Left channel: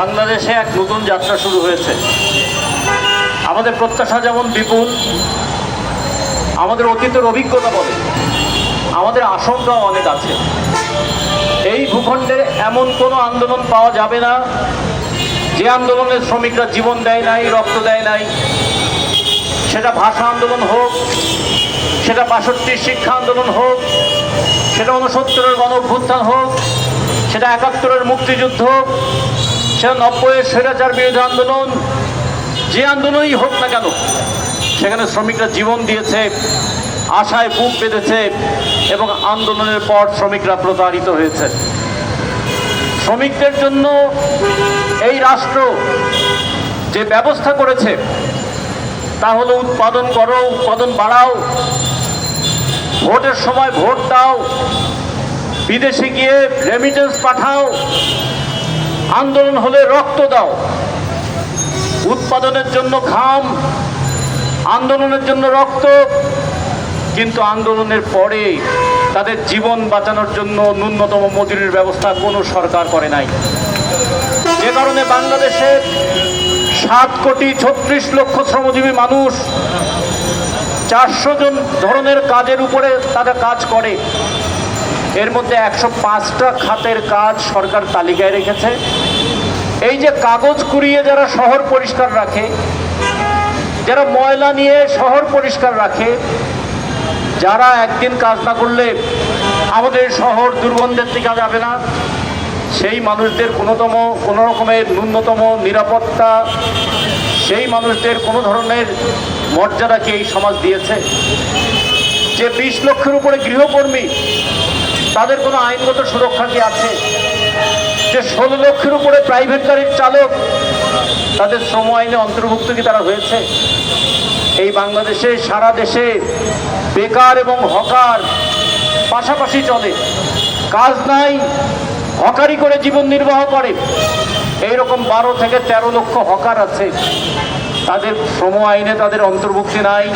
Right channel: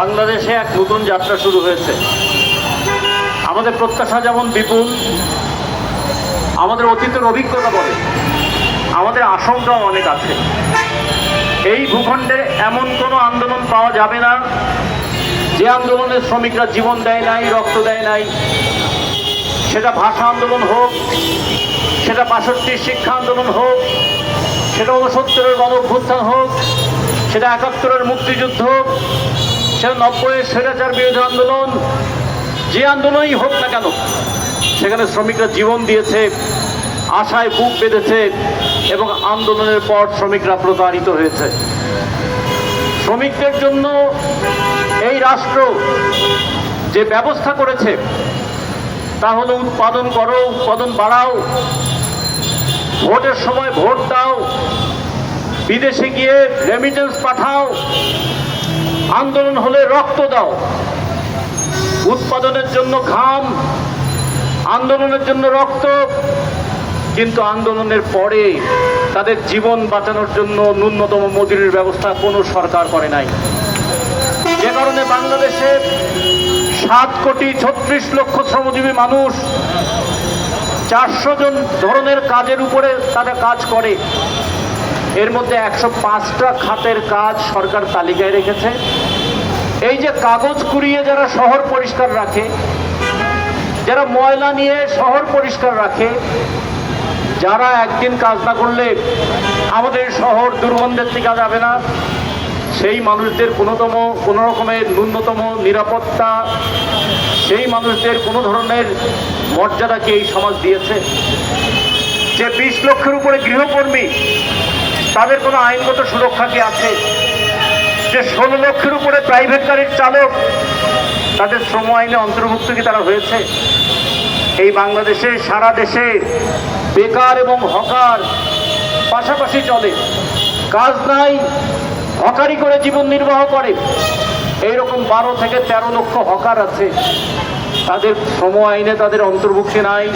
বাংলাদেশে এক নতুন যাত্রা শুরু হয়েছে। আমাদের প্রত্যাশা যেমন বিপুল, আমাদের অতীতের অভিজ্ঞতা বলে আমাদের আশঙ্কাও অনেক আছে। এই ভূখণ্ডে এমন কোনো আন্দোলন পাওয়া যাবে না যে আন্দোলনে শ্রমিকরা জীবন দেয় নাই, রক্ত দেয় নাই। সেটা ভাষা আন্দোলন হোক, সেটা ৬৫ শিক্ষা আন্দোলন হোক, সেটা ৬৯-এর গণঅভ্যুত্থান হোক, সেটা ৭১-এর মুক্তিযুদ্ধ, সেটা ৯০-এর স্বৈরাচার বিরোধী আন্দোলন, যে আন্দোলনই হোক না কেন, সেখানে শ্রমিকরা জীবন দিয়েছে, আশায় বুক বেঁধেছে এবং আন্দোলনের পর শ্রমিকরা প্রতারিত হয়েছে। শ্রমিকদের জন্য এই রাষ্ট্র যে ব্যবস্থা করেছে তা হলো উৎপাদন করো, উৎপাদন বাড়াও, ভোটের সময় ভোট দাও, বিদেশে গিয়ে রেমিটেন্স পাঠাও, আন্দোলন হলে রক্ত দাও। উৎপাদনের জন্য ঘাম, আন্দোলনের জন্য রক্ত, কিন্তু আন্দোলনের পরে তাদের জীবন বাঁচানোর জন্য ন্যূনতম মজুরির ব্যবস্থা কোনো সরকার করে নাই। যে কারণে বাংলাদেশে ৭,৩৬,০০,০০০ শ্রমজীবী মানুষ ৪০০ জন ধরনের কাজের উপরে তারা কাজ করে। এর মধ্যে ১০৫টা খাতের কাজ সরকার তালিকায় রেখেছে। এই যে কাগজ কুড়িয়ে যারা শহর পরিষ্কার রাখে, যারা ময়লা নিয়ে শহর পরিষ্কার রাখে, যারা একদিন কাজ না করলে আমাদের শহর দুর্গন্ধের দিকে যাবে না, সেই মানুষদের কোনো রকমের ন্যূনতম নিরাপত্তা, সেই মানুষদের কোনো ধরনের মর্যাদা কি এই সমাজ দিয়েছে? যে ২০ লক্ষের উপরে গৃহকর্মী, তাদের কোনো আইনগত সুরক্ষা কি আছে? যে ১৬ লক্ষের উপরে প্রাইভেট গাড়ির চালক, তাদের শ্রম আইনে অন্তর্ভুক্ত কি তারা হয়েছে? এই বাংলাদেশে সারা দেশে বেকার এবং হকার পাশাপাশি চলে। কাজ নাই, হকারি করে জীবন নির্বাহ করে। এইরকম ১২ থেকে ১৩ লক্ষ হকার আছে। তাদের শ্রম আইনে তাদের অন্তর্ভুক্তি নাই,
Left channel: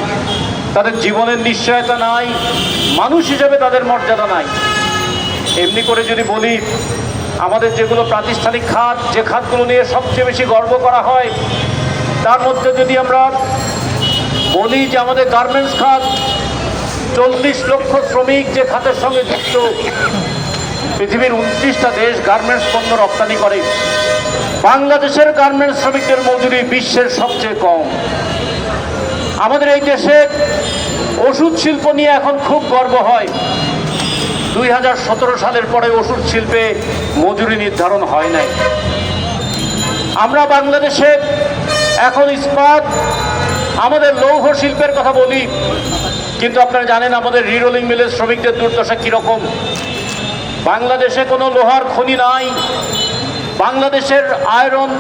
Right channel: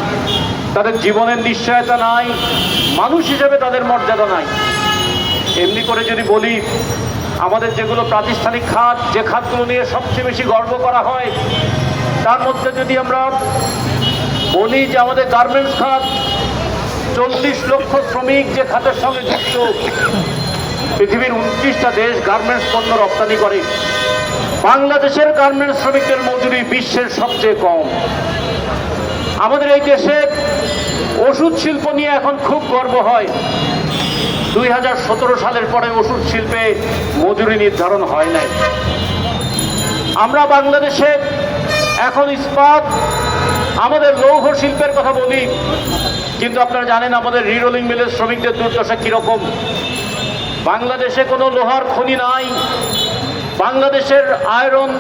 তাদের জীবনের নিশ্চয়তা নাই, মানুষ হিসাবে তাদের মর্যাদা নাই। এমনি করে যদি বলি, আমাদের যেগুলো প্রাতিষ্ঠানিক খাত, যে খাতগুলো নিয়ে সবচেয়ে বেশি গর্ব করা হয়, তার মধ্যে যদি আমরা বলি যে আমাদের গার্মেন্টস খাত, ৪০ লক্ষ শ্রমিক যে খাতের সঙ্গে যুক্ত। পৃথিবীর ২৯টা দেশ গার্মেন্টস পণ্য রপ্তানি করে। বাংলাদেশের গার্মেন্টস শ্রমিকদের মজুরি বিশ্বের সবচেয়ে কম। আমাদের এই দেশে ওষুধ শিল্প নিয়ে এখন খুব গর্ব হয়। ২০১৭ সালের পরে ওষুধ শিল্পে মজুরি নির্ধারণ হয় নাই। আমরা বাংলাদেশে এখন ইস্পাত, আমাদের লৌহ শিল্পের কথা বলি, কিন্তু আপনারা জানেন আমাদের রিরোলিং মিলের শ্রমিকদের দুর্দশা কীরকম। বাংলাদেশে কোনো লোহার খনি নাই, বাংলাদেশের আয়রন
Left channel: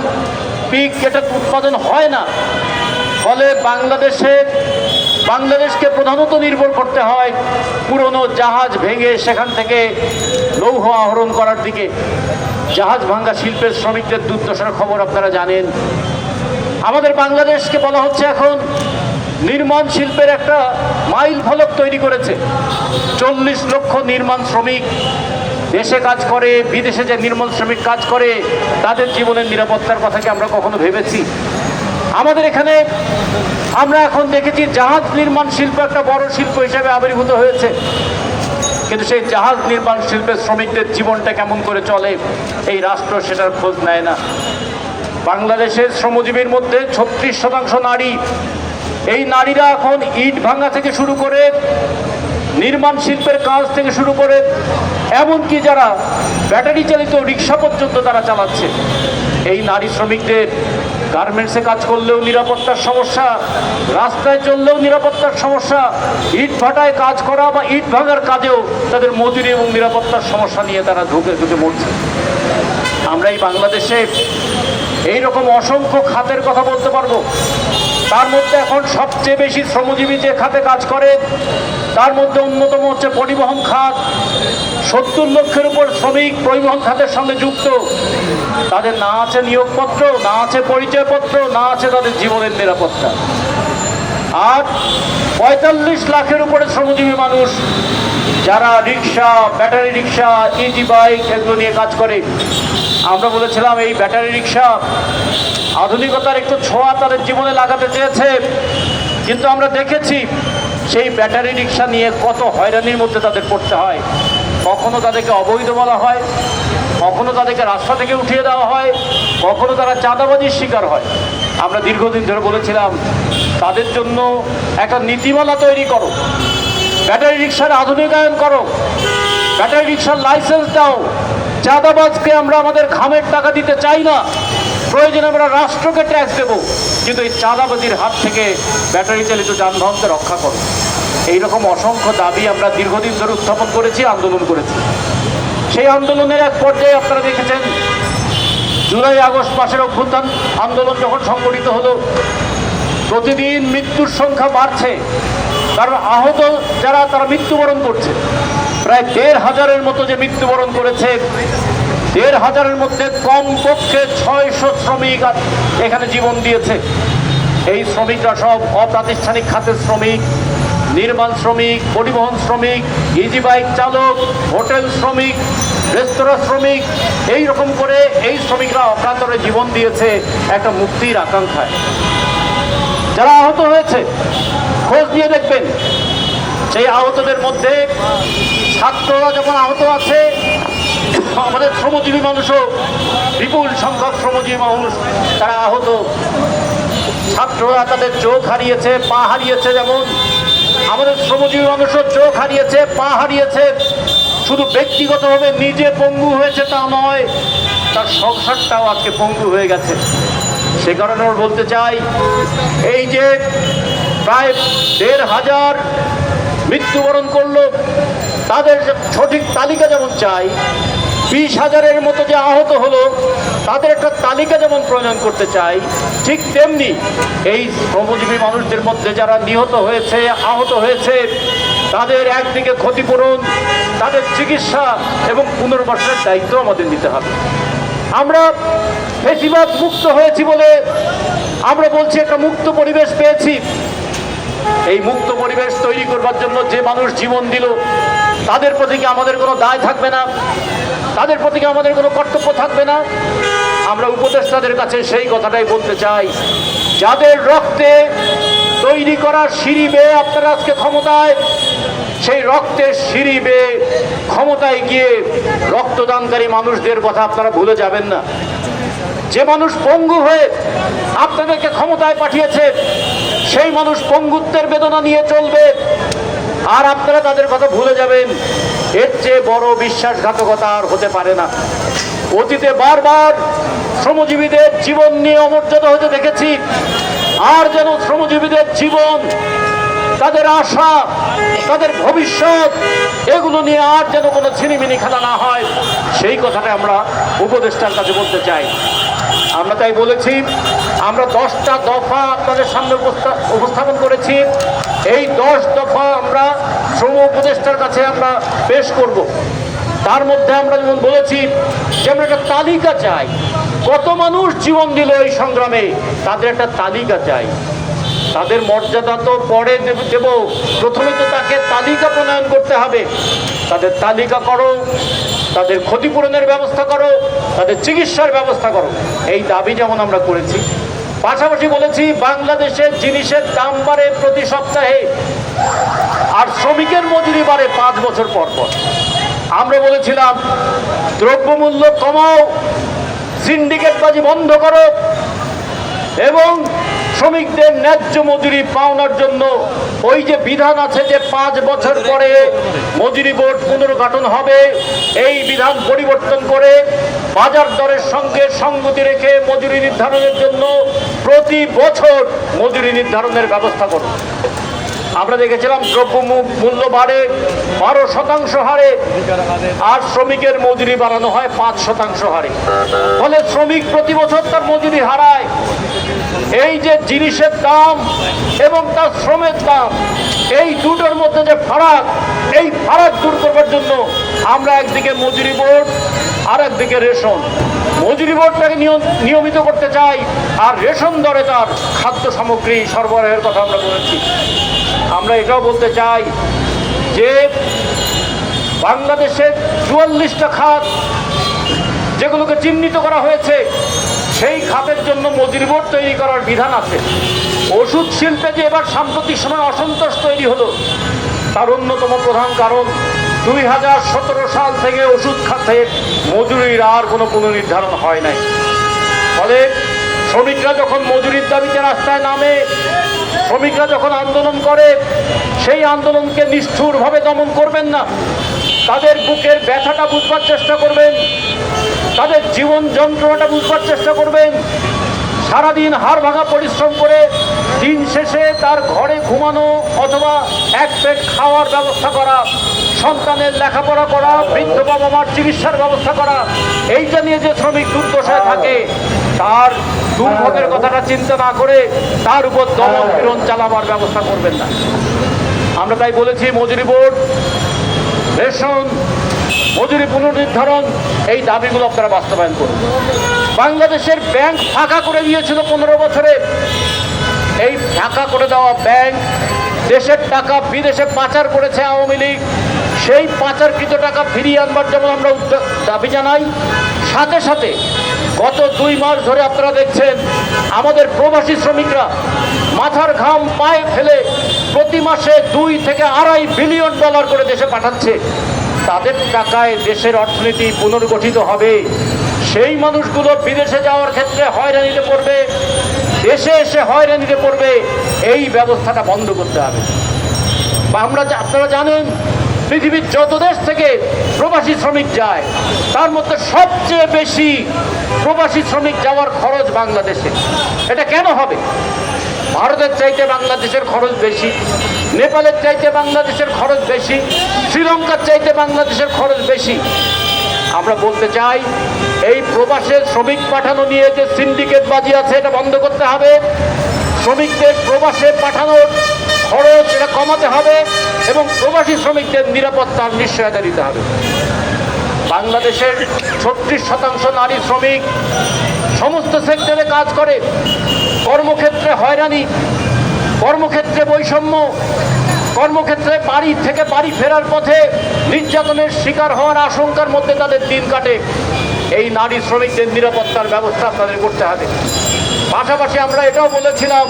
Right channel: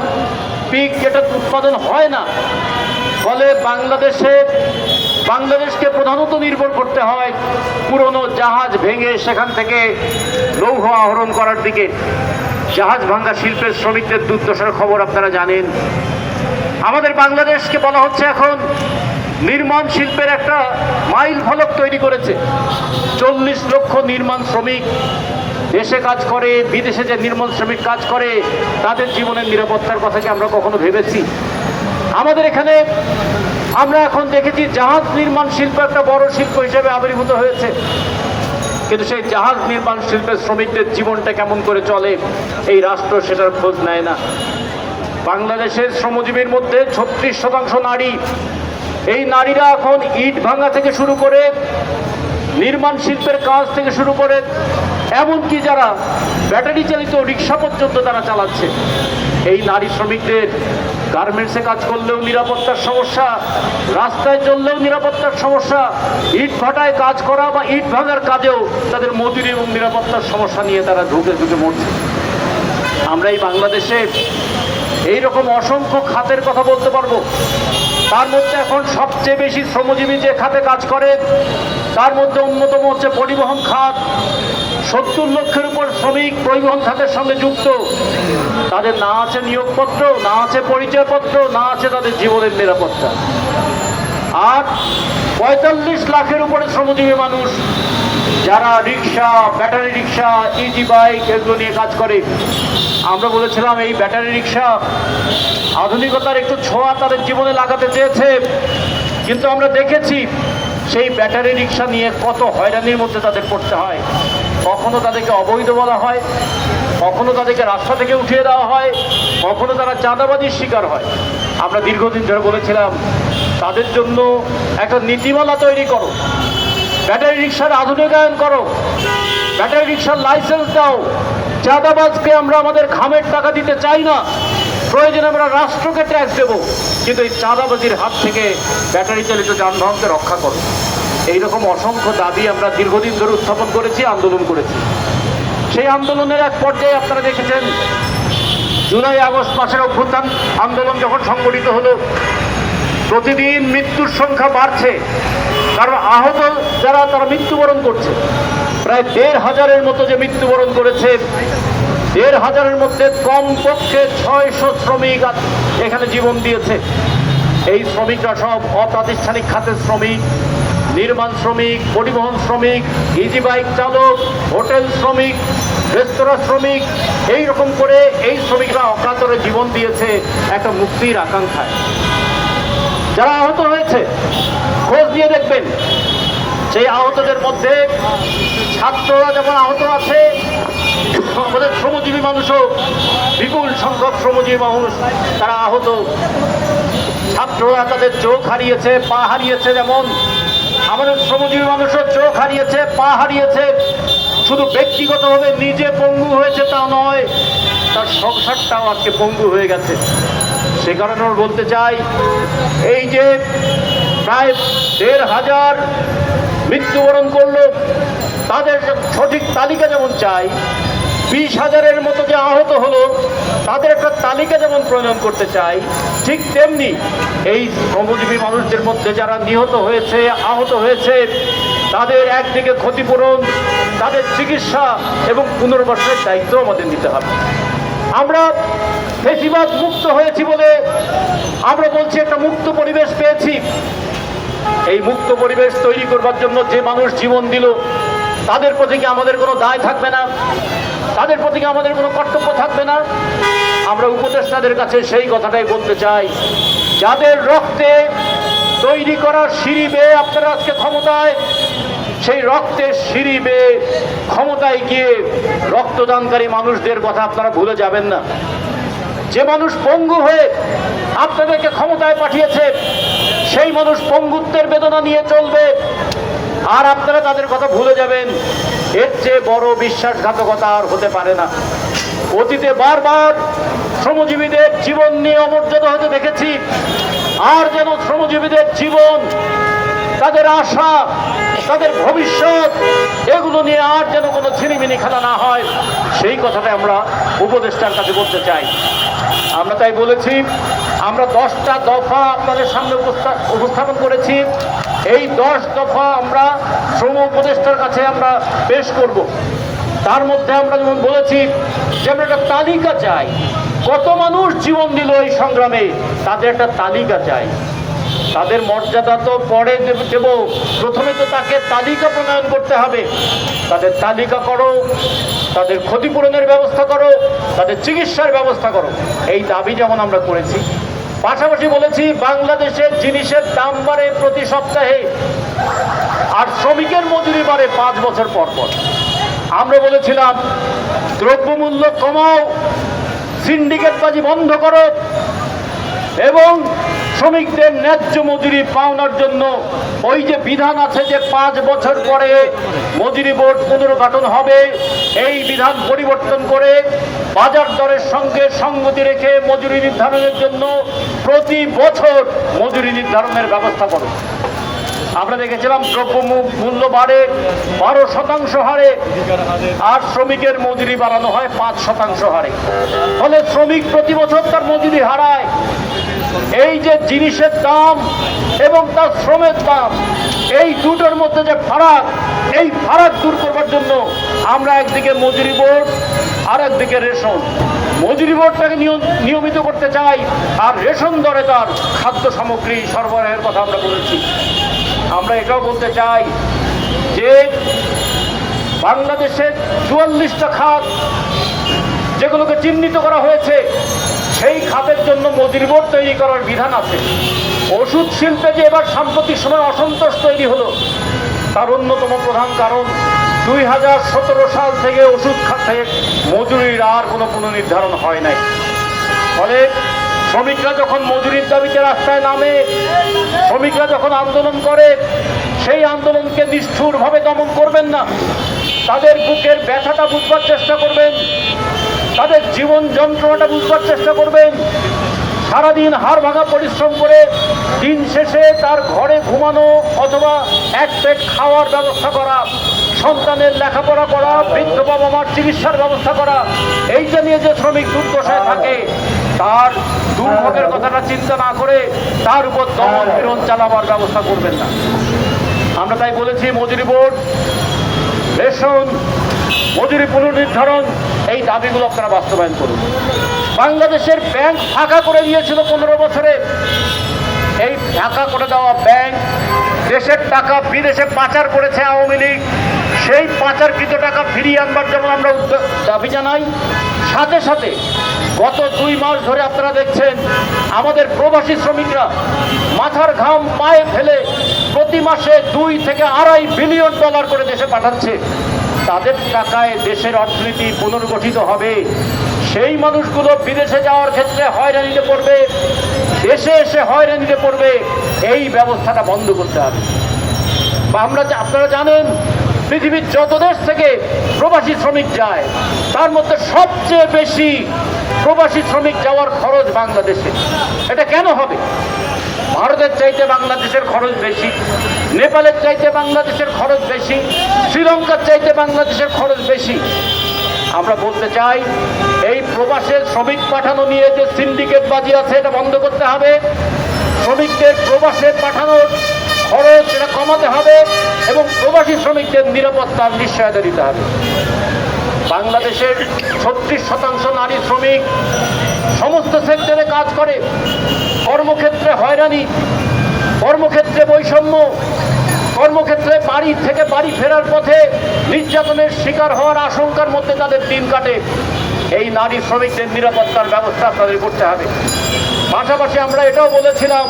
পিক এটা উৎপাদন হয় না। ফলে বাংলাদেশকে প্রধানত নির্ভর করতে হয় পুরনো জাহাজ ভেঙে সেখান থেকে লৌহ আহরণ করার দিকে। জাহাজ ভাঙ্গা শিল্পের শ্রমিকদের দুর্দশার খবর আপনারা জানেন। আমাদের বাংলাদেশকে বলা হচ্ছে এখন নির্মাণ শিল্পের একটা মাইল ফলক তৈরি করেছে। ৪০ লক্ষ নির্মাণ শ্রমিক দেশে কাজ করে, বিদেশে যে নির্মাণ শ্রমিক কাজ করে, তাদের জীবনের নিরাপত্তার কথা কি আমরা কখনো ভেবেছি? আমাদের এখানে আমরা এখন দেখেছি জাহাজ নির্মাণ শিল্প একটা বড় শিল্প হিসেবে আবির্ভূত হয়েছে, কিন্তু সেই জাহাজ নির্মাণ শিল্পের শ্রমিকদের জীবনটা কেমন করে চলে এই রাষ্ট্র সেটার খোঁজ নেয় না। বাংলাদেশের শ্রমজীবীর মধ্যে ৩৬% নারী। এই নারীরা এখন ইট ভাঙা থেকে শুরু করে, নির্মাণ শিল্পের কাজ থেকে শুরু করে, এমনকি যারা ব্যাটারি চালিত রিক্সা পর্যন্ত তারা চালাচ্ছে। এই নারী শ্রমিকদের গার্মেন্টসে কাজ করলেও নিরাপত্তার সমস্যা, রাস্তায় চললেও নিরাপত্তার সমস্যা, ইট ভাটায় কাজ করা বা ইট ভাঙার কাজেও তাদের মজুরি এবং নিরাপত্তার সমস্যা নিয়ে তারা ঢুকে মরছে। আমরা এই বাংলাদেশে এইরকম অসংখ্য খাতের কথা বলতে পারবো। তার মধ্যে এখন সবচেয়ে বেশি শ্রমজীবী যে খাতে কাজ করে তার মধ্যে অন্যতম হচ্ছে পরিবহন খাত। ৭০ লক্ষের উপর শ্রমিক পরিবহন খাতের সঙ্গে যুক্ত। তাদের না আছে নিয়োগপত্র, না আছে পরিচয়পত্র, না আছে তাদের জীবনের নিরাপত্তা। আর ৪৫ লাখের উপরে শ্রমজীবী মানুষ যারা রিক্সা, ব্যাটারি রিক্সা, ইজি বাইক এগুলো নিয়ে কাজ করে, আমরা বলেছিলাম এই ব্যাটারি রিক্সা আধুনিকতার একটু ছোঁয়া তাদের জীবনে লাগাতে চেয়েছে, কিন্তু আমরা দেখেছি সেই ব্যাটারি রিক্সা নিয়ে কত হয়রানির মধ্যে তাদের পড়তে হয়। কখনো তাদেরকে অবৈধ বলা হয়, কখনো তাদেরকে রাস্তা থেকে উঠিয়ে দেওয়া হয়, কখনো তারা চাঁদাবাজির শিকার হয়। আমরা দীর্ঘদিন ধরে বলেছিলাম তাদের জন্য একটা নীতিমালা তৈরি করো, ব্যাটারি রিক্সার আধুনিকায়ন করো, ব্যাটারি রিক্সার লাইসেন্স দাও। চাঁদাবাজকে আমরা আমাদের ঘামের টাকা দিতে চাই না, প্রয়োজনে আমরা রাষ্ট্রকে ট্যাক্স দেবো, কিন্তু এই চাঁদাবাজির হাত থেকে ব্যাটারি চালিত যানবাহনকে রক্ষা করো। এইরকম অসংখ্য দাবি আমরা দীর্ঘদিন ধরে উত্থাপন করেছি, আন্দোলন করেছি। সেই আন্দোলনের এক পর্যায়ে আপনারা দেখেছেন জুলাই আগস্ট মাসের অভ্যুত্থান আন্দোলন যখন সংগঠিত হলো, প্রতিদিন মৃত্যুর সংখ্যা বাড়ছে, কারণ আহত যারা তারা মৃত্যুবরণ করছে। প্রায় ১,৫০০-এর মতো যে মৃত্যুবরণ করেছে, ১,৫০০-এর মধ্যে কমপক্ষে ৬০০ শ্রমিক এখানে জীবন দিয়েছে। এই শ্রমিকরা সব অপ্রাতিষ্ঠানিক খাতের শ্রমিক, নির্মাণ শ্রমিক, পরিবহন শ্রমিক, ইজি বাইক চালক, হোটেল শ্রমিক, রেস্তোরাঁ শ্রমিক, এইরকম করে এই শ্রমিকরা অকাতরে জীবন দিয়েছে একটা মুক্তির আকাঙ্ক্ষায়। যারা আহত হয়েছে খোঁজ দিয়ে দেখবেন, সেই আহতদের মধ্যে ছাত্ররা যখন আহত আছে, আমাদের শ্রমজীবী মানুষও বিপুল সংখ্যক শ্রমজীবী মানুষ তারা আহত। ছাত্ররা তাদের চোখ হারিয়েছে, পা হারিয়েছে, যেমন আমাদের শ্রমজীবী মানুষের চোখ হারিয়েছে, পা হারিয়েছে। শুধু ব্যক্তিগতভাবে নিজে পঙ্গু হয়েছে তা নয়, তার সংসারটাও আজকে পঙ্গু হয়ে গেছে। সে কারণে বলতে চাই, এই যে প্রায় ১,৫০০ মৃত্যুবরণ করলো, তাদের সঠিক তালিকা যেমন চাই, ২০,০০০-এর মতো যে আহত হলো তাদের একটা তালিকা যেমন প্রণয়ন করতে চাই, ঠিক তেমনি এই শ্রমজীবী মানুষদের মধ্যে যারা নিহত হয়েছে, আহত হয়েছে, তাদের একদিকে ক্ষতিপূরণ, তাদের চিকিৎসা এবং পুনর্বাসনের দায়িত্ব আমাদের নিতে হবে। আমরা বেশিরভাগ মুক্ত হয়েছি বলে আমরা বলছি একটা মুক্ত পরিবেশ পেয়েছি। এই মুক্ত পরিবেশ তৈরি করবার জন্য যে মানুষ জীবন দিল, তাদের প্রতি কি আমাদের কোনো দায় থাকবে না? তাদের প্রতি কি আমাদের কোনো কর্তব্য থাকবে না? আমরা উপদেষ্টাদের কাছে সেই কথাটাই বলতে চাই, যাদের রক্তে তৈরি করা সিঁড়ি বেয়ে আপনারা আজকে ক্ষমতায়, সেই রক্তের সিঁড়ি বেয়ে ক্ষমতায় গিয়ে রক্তদানকারী মানুষদের কথা আপনারা ভুলে যাবেন না। যে মানুষ পঙ্গু হয়ে আপনাদেরকে ক্ষমতায় পাঠিয়েছে, সেই মানুষ পঙ্গুত্বের বেদনা নিয়ে চলবে, আর আপনারা তাদের কথা ভুলে যাবেন। এর চেয়ে বড় বিশ্বাসঘাতকতা আর হতে পারে না। অতীতে বারবার শ্রমজীবীদের জীবন নিয়ে অমর্যাদা হতে দেখেছি, আর যেন শ্রমজীবীদের জীবন, তাদের আশা, তাদের ভবিষ্যৎ, এগুলো নিয়ে আর যেন কোনো ছিনিমিনি খেলা না হয়, সেই কথাটা আমরা উপদেষ্টার কাছে বলতে চাই। আমরা তাই বলেছি, আমরা 10টা দফা আপনাদের সামনে উপস্থাপন করেছি। এই 10 দফা আমরা শ্রম উপদেষ্টার কাছে আমরা পেশ করব। তার মধ্যে আমরা যেমন বলেছি যে আমরা একটা তালিকা চাই, কত মানুষ জীবন দিল এই সংগ্রামে, তাদের একটা তালিকা চাই। তাদের মর্যাদা তো পরে দেব, প্রথমে তো তাকে তালিকা প্রণয়ন করতে হবে। তাদের তালিকা করো, তাদের ক্ষতিপূরণের ব্যবস্থা করো, তাদের চিকিৎসার ব্যবস্থা করো। এই দাবি যেমন আমরা করেছি, পাশাপাশি বলেছি বাংলাদেশের জিনিসের দাম বাড়ে প্রতি সপ্তাহে, আর শ্রমিকের মজুরি বাড়ে 5 বছর পর পর। আমরা বলেছিলাম দ্রব্যমূল্য কমাও, সিন্ডিকেটবাজি বন্ধ করো, এবং শ্রমিকদের ন্যায্য মজুরি পাওয়ার জন্য ওই যে বিধান আছে যে 5 বছর পরে মজুরি বোর্ড পুনর্গঠন হবে, এই বিধান পরিবর্তন করে বাজার দরের সঙ্গে সঙ্গতি রেখে মজুরি নির্ধারণের জন্য প্রতি বছর মজুরি নির্ধারণের ব্যবস্থা করো। আমরা দেখেছিলাম দ্রব্য মূল্য বাড়ে 12% হারে, আর শ্রমিকের মজুরি বাড়ানো হয় 5% হারে, ফলে শ্রমিক প্রতি বছর তার মজুরি হারায়। এই যে জিনিসের দাম এবং তার শ্রমের দাম, এই দুটোর মধ্যে যে ফারাক, এই ফারাক দূর করবার জন্য আমরা একদিকে মজুরি বোর্ড, আর একদিকে রেশন। মজুরি বোর্ডটাকে নিয়মিত করতে চাই, আর রেশন দরে তার খাদ্য সামগ্রী সরবরাহের কথা আমরা বলেছি। আমরা এটাও বলতে চাই যে বাংলাদেশের 44টা খাত যেগুলোকে চিহ্নিত করা হয়েছে, সেই খাতের জন্য মজুরি বোর্ড তৈরি করার বিধান আছে। ওষুধ শিল্পে যে এবার সাম্প্রতিক সময় অসন্তোষ তৈরি হলো, তার অন্যতম প্রধান কারণ 2017 সাল থেকে ওষুধ খাতে মজুরির আর কোনো পুনর্নির্ধারণ হয় নাই। ফলে শ্রমিকরা যখন মজুরির দাবিতে রাস্তায় নামে, শ্রমিকরা যখন আন্দোলন করে, সেই আন্দোলনকে নিষ্ঠুরভাবে দমন করবেন না, তাদের বুকের ব্যথাটা বুঝবার চেষ্টা করবেন, তাদের জীবন যন্ত্রণাটা বুঝবার চেষ্টা করবেন। সারাদিন হাড় ভাঙা পরিশ্রম করে দিন শেষে তার ঘরে ঘুমানো অথবা এক পেট খাওয়ার ব্যবস্থা করা, সন্তানের লেখাপড়া করা, বৃদ্ধ বাবা মার চিকিৎসার ব্যবস্থা করা, এইটা নিয়ে যে শ্রমিক দুর্দশায় থাকে, তার দুর্ভোগের কথাটা চিন্তা না করে তার উপর দমন চালাবার ব্যবস্থা করবেন না। আমরা তাই বলেছি মজুরি বোর্ড, রেশন, মজুরি পুনর্নির্ধারণ, এই দাবিগুলো আপনারা বাস্তবায়ন করুন। বাংলাদেশের ব্যাংক ফাঁকা করে দিয়েছিল 15 বছরে। এই ফাঁকা করে দেওয়া ব্যাংক দেশের টাকা বিদেশে পাচার করেছে আওয়ামী লীগ। সেই পাচারকৃত টাকা ফিরিয়ে আনবার জন্য আমরা দাবি জানাই। সাথে সাথে গত 2 মাস ধরে আপনারা দেখছেন আমাদের প্রবাসী শ্রমিকরা মাথার ঘাম পায়ে ফেলে প্রতি মাসে 2 থেকে $2.5 বিলিয়ন করে দেশে পাঠাচ্ছে। তাদের টাকায় দেশের অর্থনীতি পুনর্গঠিত হবে। সেই মানুষগুলো বিদেশে যাওয়ার ক্ষেত্রে হয়রানিতে পড়বে, দেশে এসে হয়রানিতে পড়বে। এই ব্যবস্থাটা বন্ধ করতে হবে। আপনারা জানেন পৃথিবীর যত দেশ থেকে প্রবাসী শ্রমিক যায়, তার মধ্যে সবচেয়ে বেশি প্রবাসী শ্রমিক যাওয়ার খরচ বাংলাদেশে। এটা কেন হবে? ভারতের চাইতে বাংলাদেশের খরচ বেশি, নেপালের চাইতে বাংলাদেশের খরচ বেশি, শ্রীলঙ্কার চাইতে বাংলাদেশের খরচ বেশি। আমরা বলতে চাই এই প্রবাসে শ্রমিক পাঠানো নিয়ে যে সিন্ডিকেট বাজি আছে, এটা বন্ধ করতে হবে। শ্রমিকদের প্রবাসে পাঠানোর খরচ এটা কমাতে হবে এবং প্রবাসী শ্রমিকদের নিরাপত্তার নিশ্চয়তা দিতে হবে। বাংলাদেশের 36% নারী শ্রমিক সমস্ত সেক্টরে কাজ করে। কর্মক্ষেত্রে হয়রানি, কর্মক্ষেত্রে বৈষম্য, কর্মক্ষেত্রে বাড়ি থেকে বাড়ি ফেরার পথে নির্যাতনের শিকার হওয়ার আশঙ্কার মধ্যে তাদের দিন কাটে। এই নারী শ্রমিকদের নিরাপত্তার ব্যবস্থা আপনাদের করতে হবে। পাশাপাশি আমরা এটাও বলেছিলাম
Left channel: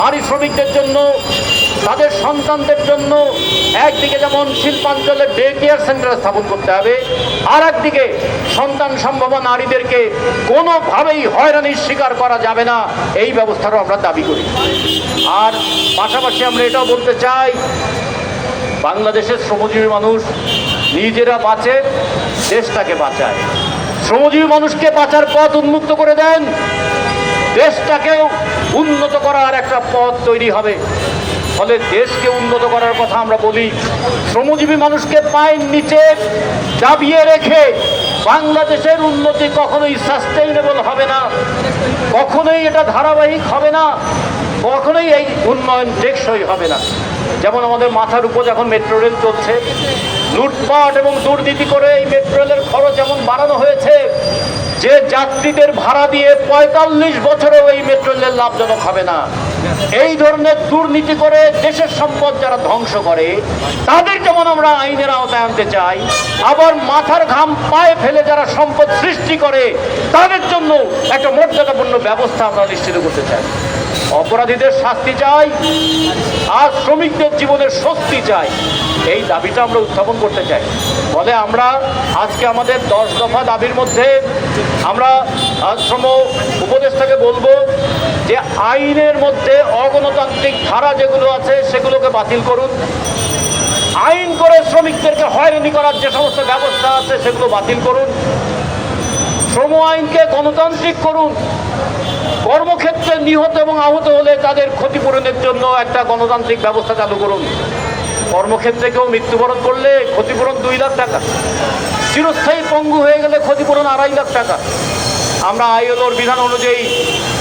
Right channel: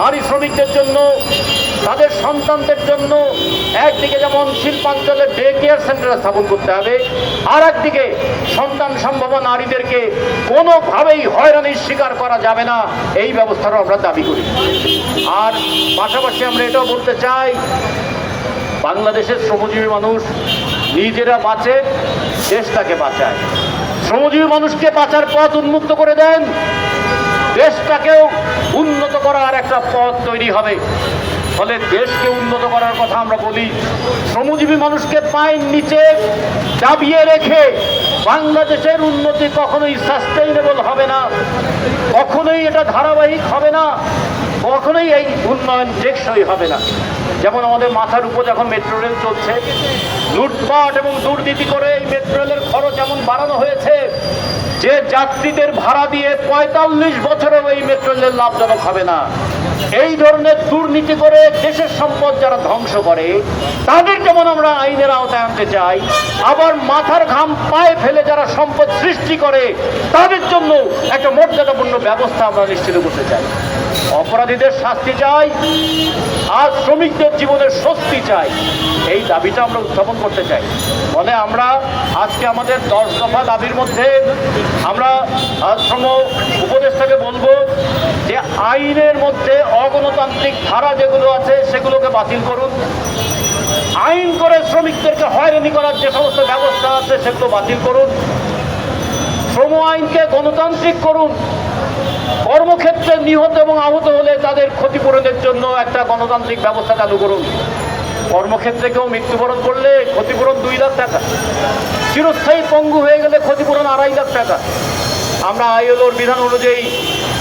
নারী শ্রমিকদের জন্য, তাদের সন্তানদের জন্য একদিকে যেমন শিল্পাঞ্চলে ডে কেয়ার সেন্টার স্থাপন করতে হবে, আর একদিকে সন্তান সম্ভবা নারীদেরকে কোনোভাবেই হয়রানির শিকার করা যাবে না, এই ব্যবস্থারও আমরা দাবি করি। আর পাশাপাশি আমরা এটাও বলতে চাই বাংলাদেশের শ্রমজীবী মানুষ নিজেরা বাঁচে, দেশটাকে বাঁচায়। শ্রমজীবী মানুষকে বাঁচার পথ উন্মুক্ত করে দেন, দেশটাকেও উন্নত করার একটা পথ তৈরি হবে। ফলে দেশকে উন্নত করার কথা আমরা বলি, শ্রমজীবী মানুষকে পায়ের নিচে দাবিয়ে রেখে বাংলাদেশের উন্নতি কখনোই সাস্টেইনেবল হবে না, কখনোই এটা ধারাবাহিক হবে না, কখনোই এই উন্নয়ন টেকসই হবে না। যেমন আমাদের মাথার উপর যখন মেট্রো রেল চলছে, লুটপাট এবং দুর্নীতি করে এই মেট্রো রেলের খরচ এমন বাড়ানো হয়েছে যে যাত্রীদের ভাড়া দিয়ে 45 বছরেও এই মেট্রো রেল লাভজনক হবে না। এই ধরনের দুর্নীতি করে দেশের সম্পদ যারা ধ্বংস করে, তাদের যেমন আমরা আইনের আওতায় আনতে চাই, আবার মাথার ঘাম পায়ে ফেলে যারা সম্পদ সৃষ্টি করে তাদের জন্য একটা মর্যাদাপূর্ণ ব্যবস্থা আমরা নিশ্চিত করতে চাই। অপরাধীদের শাস্তি চাই আর শ্রমিকদের জীবনের স্বস্তি চাই, এই দাবিটা আমরা উত্থাপন করতে চাই। ফলে আমরা আজকে আমাদের 10 দফা দাবির মধ্যে আমরা শ্রম উপদেষ্টাকে বলবো যে আইনের মধ্যে অগণতান্ত্রিক ধারা যেগুলো আছে সেগুলোকে বাতিল করুন, আইন করে শ্রমিকদেরকে হয়রানি করার যে সমস্ত ব্যবস্থা আছে সেগুলো বাতিল করুন, শ্রম আইনকে গণতান্ত্রিক করুন, কর্মক্ষেত্রে নিহত এবং আহত হলে তাদের ক্ষতিপূরণের জন্য একটা গণতান্ত্রিক ব্যবস্থা চালু করুন। কর্মক্ষেত্রে কেউ মৃত্যুবরণ করলে ক্ষতিপূরণ 2 লাখ টাকা, চিরস্থায়ী পঙ্গু হয়ে গেলে ক্ষতিপূরণ 2.5 লাখ টাকা। আমরা আইএলওর বিধান অনুযায়ী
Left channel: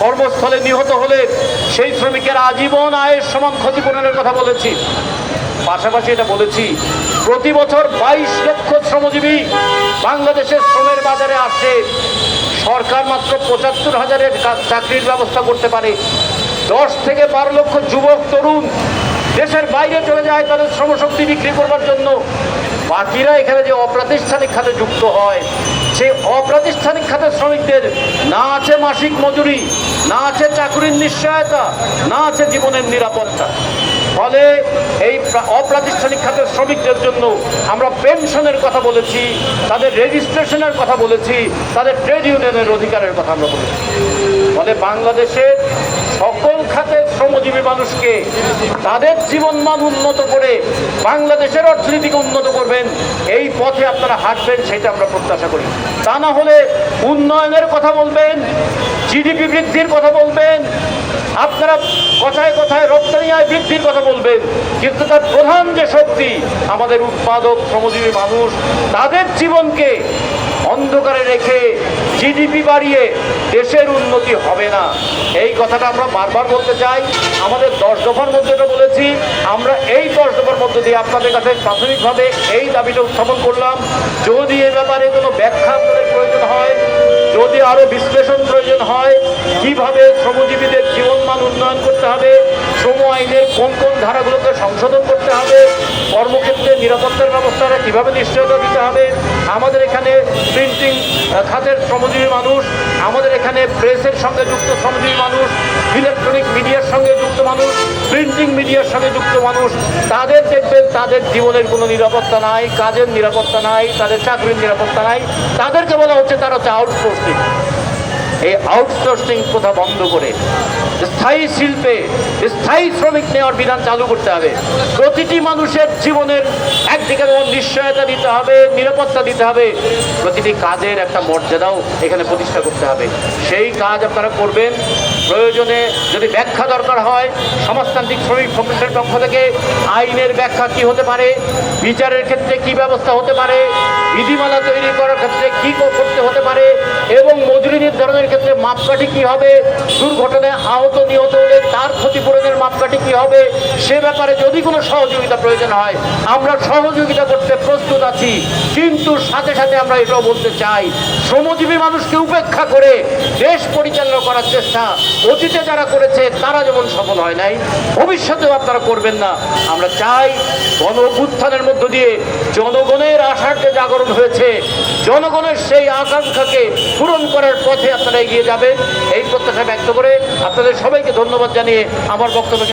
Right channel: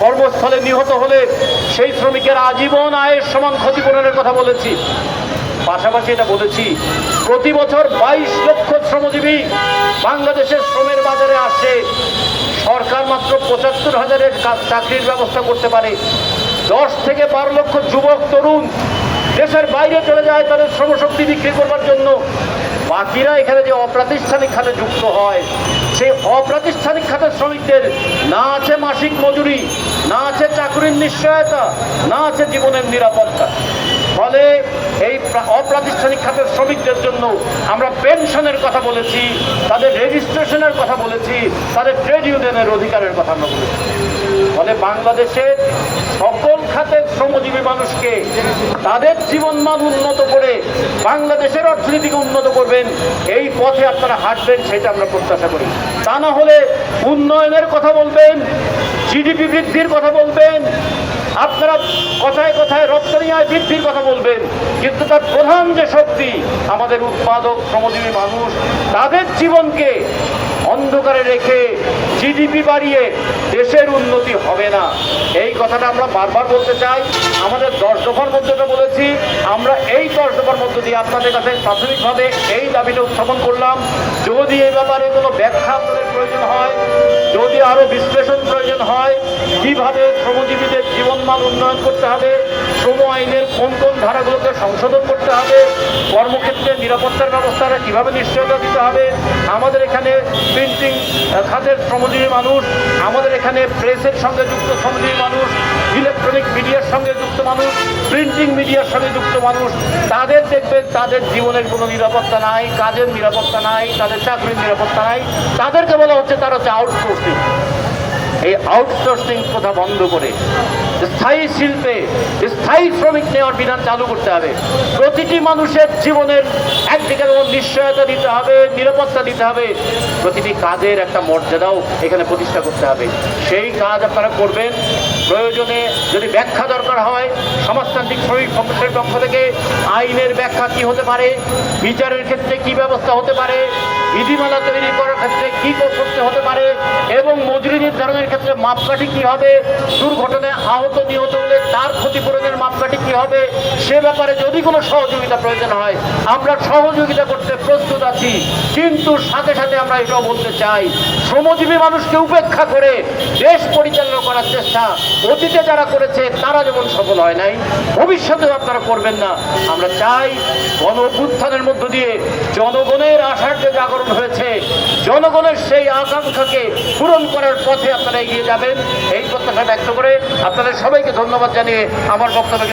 কর্মস্থলে নিহত হলে সেই শ্রমিকের আজীবন আয়ের সমান ক্ষতিপূরণের কথা বলেছি। পাশাপাশি এটা বলেছি প্রতি বছর 22 লক্ষ শ্রমজীবী বাংলাদেশের শ্রমের বাজারে আসে, সরকার মাত্র 75,000-এর চাকরির ব্যবস্থা করতে পারে। 10 থেকে 12 লক্ষ যুবক তরুণ দেশের বাইরে চলে যায় তাদের শ্রমশক্তি বিক্রি করবার জন্য। বাকিরা এখানে যে অপ্রাতিষ্ঠানিক খাতে যুক্ত হয়, সেই অপ্রাতিষ্ঠানিক খাতের শ্রমিকদের না আছে মাসিক মজুরি, না আছে চাকরির নিশ্চয়তা, না আছে জীবনের নিরাপত্তা। ফলে এই অপ্রাতিষ্ঠানিক খাতের শ্রমিকদের জন্য আমরা পেনশনের কথা বলেছি, তাদের রেজিস্ট্রেশনের কথা বলেছি, তাদের ট্রেড ইউনিয়নের অধিকারের কথা আমরা বলেছি। ফলে বাংলাদেশে সকল খাতের শ্রমজীবী মানুষকে তাদের জীবনমান উন্নত করে বাংলাদেশের অর্থনীতিকে উন্নত করবেন, এই পথে আপনারা হাঁটবেন, সেটা আমরা প্রত্যাশা করি। তা না হলে উন্নয়নের কথা বলবেন, জিডিপি বৃদ্ধির কথা বলবেন, আপনারা কোথায় কোথায় রপ্তানি আয় বৃদ্ধির কথা বলবেন, কিন্তু তার প্রধান যে শক্তি আমাদের উৎপাদক শ্রমজীবী মানুষ, তাদের জীবনকে অন্ধকারে রেখে জিডিপি বাড়িয়ে দেশের উন্নতি হবে না। এই কথাটা আমরা বারবার বলতে চাই। আমাদের 10 দফার মধ্যে বলেছি, আমরা এই 10 দফার মধ্য দিয়ে আপনাদের কাছে প্রাথমিকভাবে এই দাবিটা উত্থাপন করলাম। যদি এই ব্যাপারে কোনো ব্যাখ্যা আপনাদের প্রয়োজন হয়, যদি আরো বিশ্লেষণ প্রয়োজন হয়, কিভাবে শ্রমজীবীদের জীবনমান উন্নয়ন করতে হবে, শ্রম আইনের কোন কোন ধারাগুলোকে সংশোধন করতে হবে, কর্মক্ষেত্রে নিরাপত্তার ব্যবস্থাটা কিভাবে নিশ্চয়তা দিতে হবে, আমাদের এখানে প্রিন্টিং খাতের শ্রমজীবী মানুষ, আমাদের এখানে প্রেসের সঙ্গে যুক্ত শ্রমজীবী মানুষ, ইলেকট্রনিক মিডিয়ার সঙ্গে যুক্ত মানুষ, প্রিন্টিং মিডিয়ার সঙ্গে যুক্ত মানুষ, তাদের দেখবেন তাদের জীবনের কোনো নিরাপত্তা নাই, কাজের নিরাপত্তা নাই, তাদের চাকরির নিরাপত্তা নাই। তাদেরকে বলা হচ্ছে তারা হচ্ছে আউটসোর্সিং। এই আউটসোর্সিং প্রথা বন্ধ করে স্থায়ী শিল্পে স্থায়ী শ্রমিক নেওয়ার বিধান চালু করতে হবে। প্রতিটি মানুষের জীবনের একদিকে যেমন নিশ্চয়তা দিতে হবে, নিরাপত্তা দিতে হবে, প্রতিটি কাজের একটা মর্যাদাও এখানে প্রতিষ্ঠা করতে হবে। সেই কাজ আপনারা করবেন। প্রয়োজনে যদি ব্যাখ্যা দরকার হয়, সমাজতান্ত্রিক শ্রমিক সংগঠনের পক্ষ থেকে আইনের ব্যাখ্যা কি হতে পারে, বিচারের ক্ষেত্রে কি ব্যবস্থা হতে পারে, বিধিমালা তৈরি করার ক্ষেত্রে কি করতে হতে পারে, এবং মজুরি নির্ধারণের ক্ষেত্রে মাপকাঠি কি হবে, দুর্ঘটনায় আহত নিহত হলে তার ক্ষতিপূরণের মাপকাঠি কি হবে, সে ব্যাপারে যদি কোনো সহযোগিতা প্রয়োজন হয় আমরা সহযোগিতা করতে প্রস্তুত আছি। কিন্তু সাথে সাথে আমরা এটাও বলতে চাই, শ্রমজীবী মানুষকে উপেক্ষা করে দেশ পরিচালনা করার চেষ্টা অতীতে যারা করেছে তারা যেমন সফল হয় নাই, ভবিষ্যতেও আপনারা করবেন না। আমরা চাই গণ অভ্যুত্থানের মধ্য দিয়ে জনগণের আশার যে জাগরণ হয়েছে, জনগণের সেই আকাঙ্ক্ষাকে পূরণ করার পথে আপনারা এগিয়ে যাবেন, এই প্রত্যাশা ব্যক্ত করে আপনাদের সবাইকে ধন্যবাদ জানিয়ে আমার বক্তব্য